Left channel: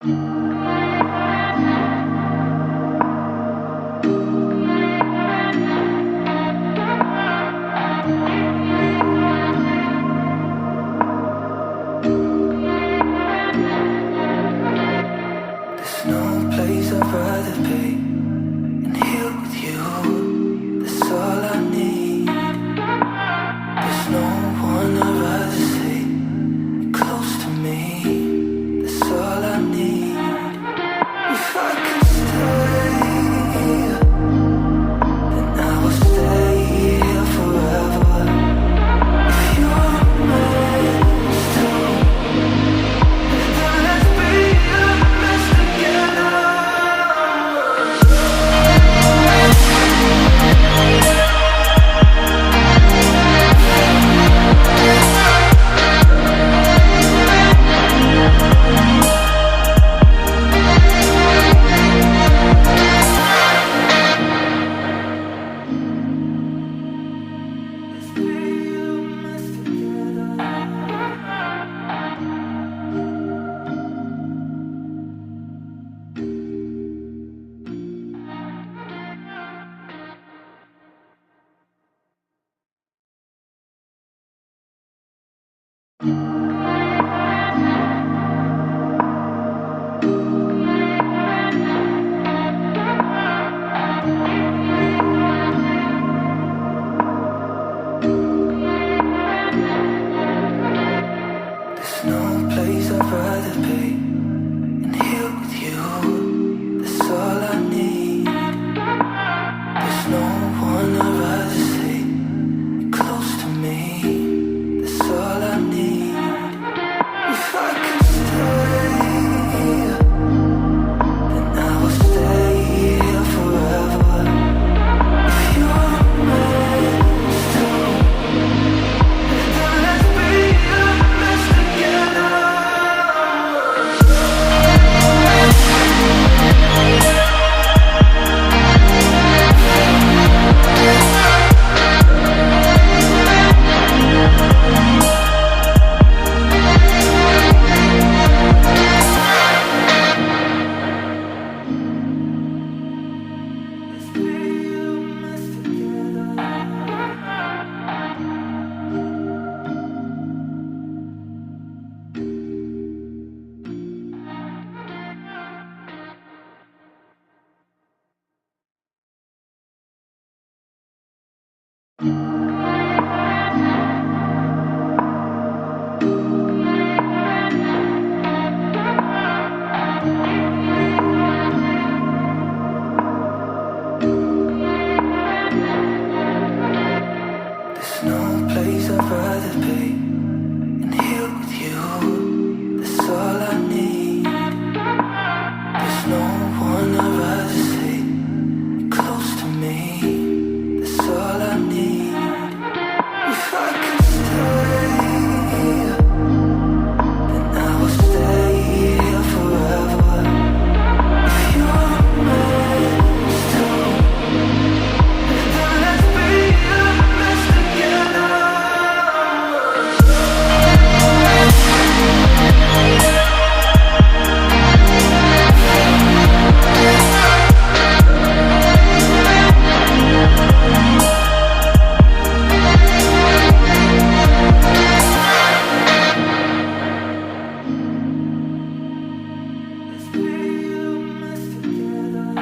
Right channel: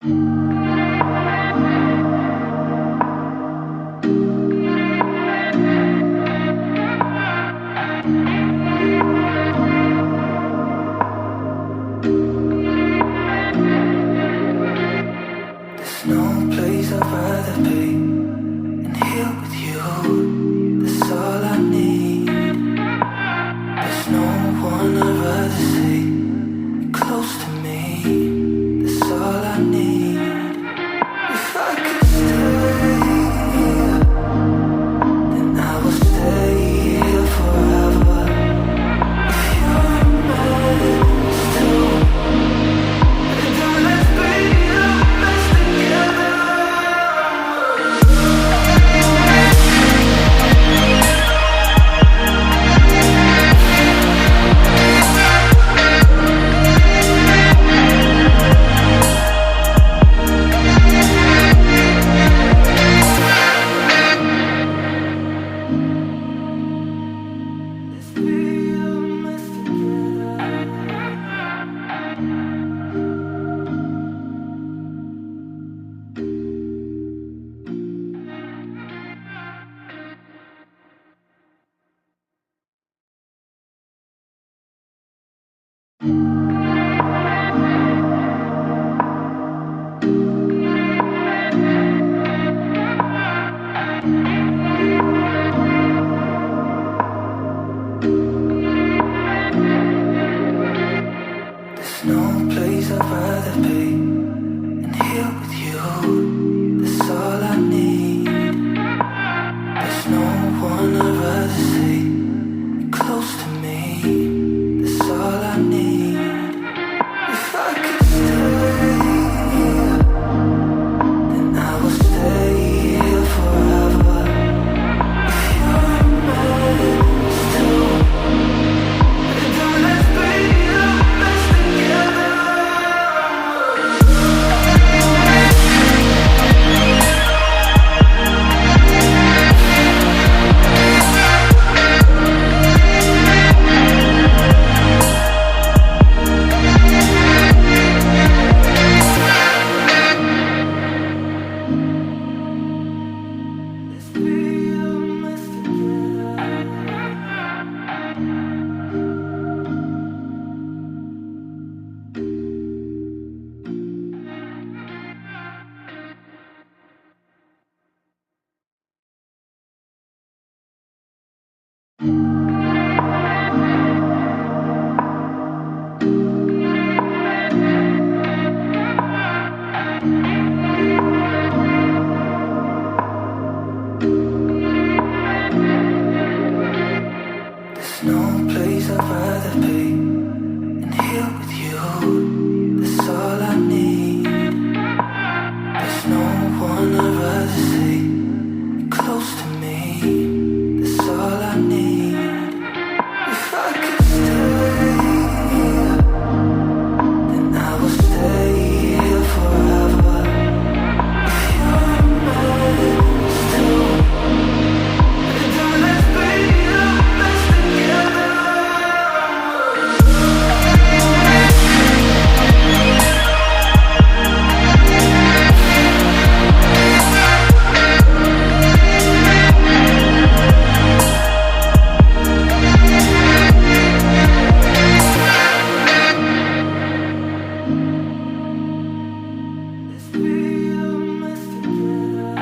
There's no place I'd rather be than here with you. That's all I need. There's no one I'd rather see close to me. That's all I need. If I could stay, then I would stay here forever. If you're meant to, then let's be a mess together. Let's be a mess together. There's no place I'd rather be than here with you. That's all I need. There's no one I'd rather see close to me. That's all I need. If I could stay, then I would stay here forever. If you're meant to, then let's be a mess together. Let's be a mess together. There's no place I'd rather be than here with you. That's all I need. There's no one I'd rather see close to me. That's all I need. If I could stay, then I would stay here forever. If you're meant to, then let's be a mess together. Let's be a mess together.